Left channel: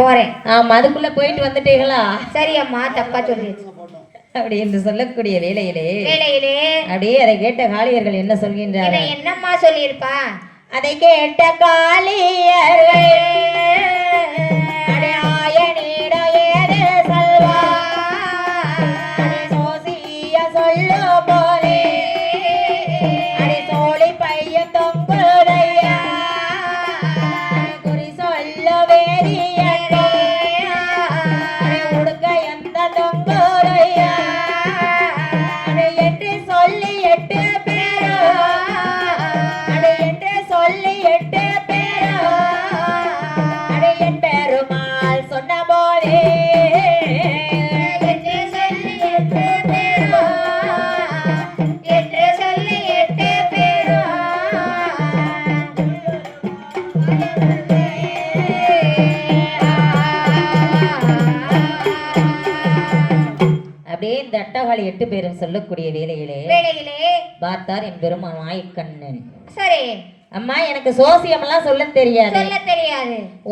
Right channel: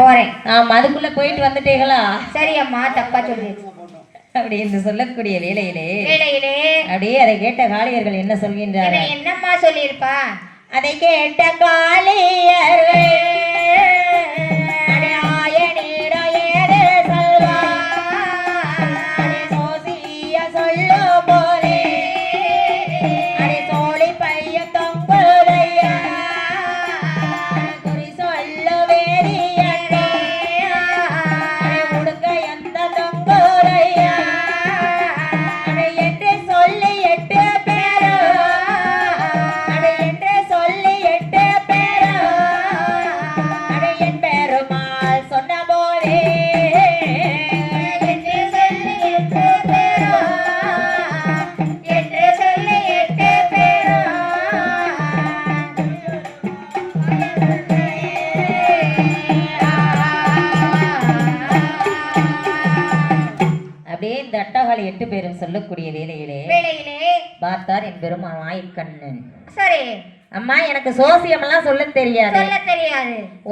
போறேன். ஆமா, அதுக்குள்ள போயிட்டு வந்துட்டீங்களா? சரி அம்மா, தப்பா சொல்லி அப்படி என்று சொல்லக்கூடிய வேளையிலே வேளையிலே அப்படியே அதை கேட்ட காளியர்கள் என்ன சொல்கின்றார்கள்? என்னம்மா சொல்லியிருப்பா? அதை கேட்ட காளியர்கள் தட்டகாளி 8 பேரும் சொல்லக்கூடிய வேளையிலே பார்த்தார் என் பெருமான் மாயக்கண்ணன். சரி அம்மா, எனக்கு சோசியம் எல்லாம் சொல்ல தெரியாது.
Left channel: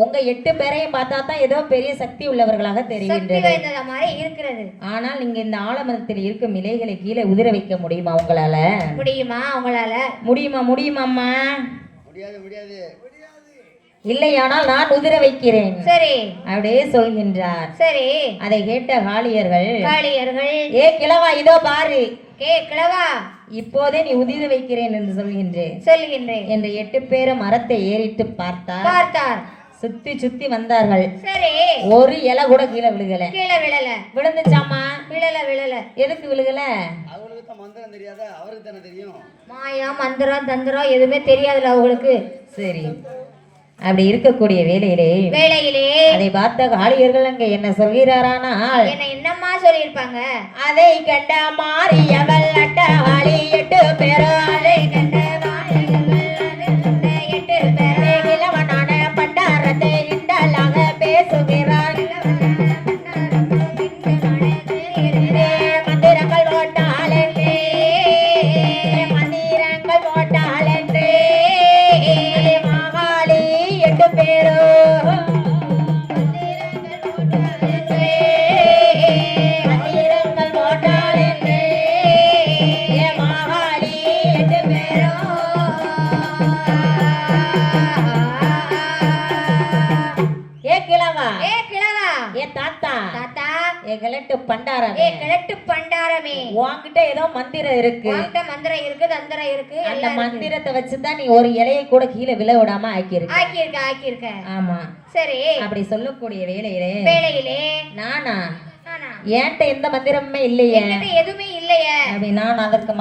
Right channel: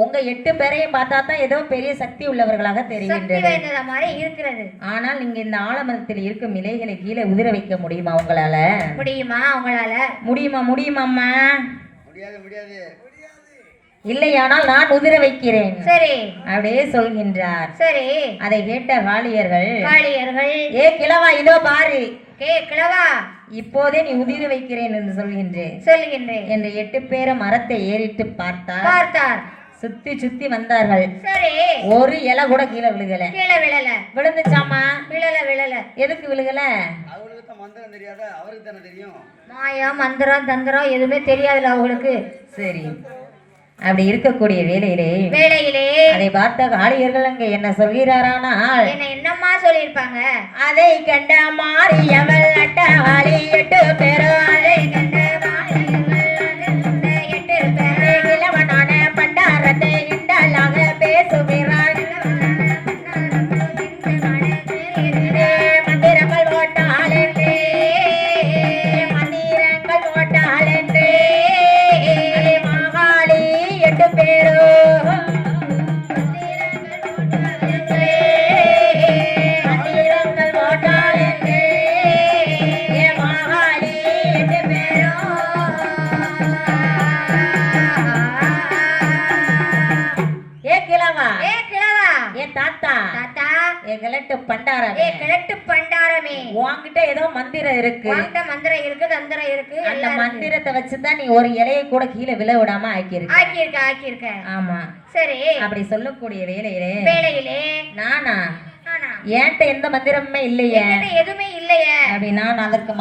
உங்க 8 பேரையும் பார்த்தா தான் ஏதோ பெரிய சக்தி உள்ளவர்களாக தெரிகின்றது. ஆனால் நீங்க இந்த ஆலமரத்தில் இருக்கும் இலைகளை கீழே உதிர வைக்க முடியுமா? உங்களால முடியுமாம்மா? இல்லையானால் நான் உதிர வைக்கிறேன். சரி அப்படியே சொல்கின்றார். சரி அதை கேட்ட காளியர்கள் ஏ கிழவா, இதோ பாரு கிழவா, இப்போதே நீ உதிர வைக்கிறேன் என்று சொல்கின்றேன் என்று 8 பேரும் மரத்தை ஏறிட்டு பார்த்தார். சுத்தி சுத்தி வந்தார்கள். சரி ஒரு இலை கூட கீழே விழுகல. விழுந்துச்சாமா? விழல. எதுக்கு விழுகல? மந்திரம் தெரியாத அவருக்கு தானே தெரியும். மாயா மந்திரம் தந்திரம் எதுவுமே தெரியாதுல அவங்களுக்கு. சரி, அப்படி இருக்கக்கூடிய வேளையிலே அதை பார்த்த காளியர்கள் அங்க என்ன சொல்கிறாரானால், என்னம்மா சொல்லியிருப்பாங்க? அதை கண்ட மாரியவள் அட்டகாளி 8 பேரும் அதை கண்ட இளவனான பண்டாரத்தை இண்டலாக பேசுகிறார். மந்திரங்கள் ஓட்டாளே மாகாளி 8 பேரும் பண்டாரமே, உன்கிட்ட ஏதோ மந்திரம் இருக்கு. தந்திரம் இருக்கு. அந்த மந்திரத்தை வச்சுதான் நீ ஒரு இலையை கூட கீழே விழ விடாம ஆக்கியிருக்க. ஆமா, சரி அப்படி சொல்லக்கூடிய வேளையிலே நானா என்கிட்ட எந்த மந்திரமுமே இல்லையே, எதுவுமே இல்லையே அப்படி நான் அதற்கு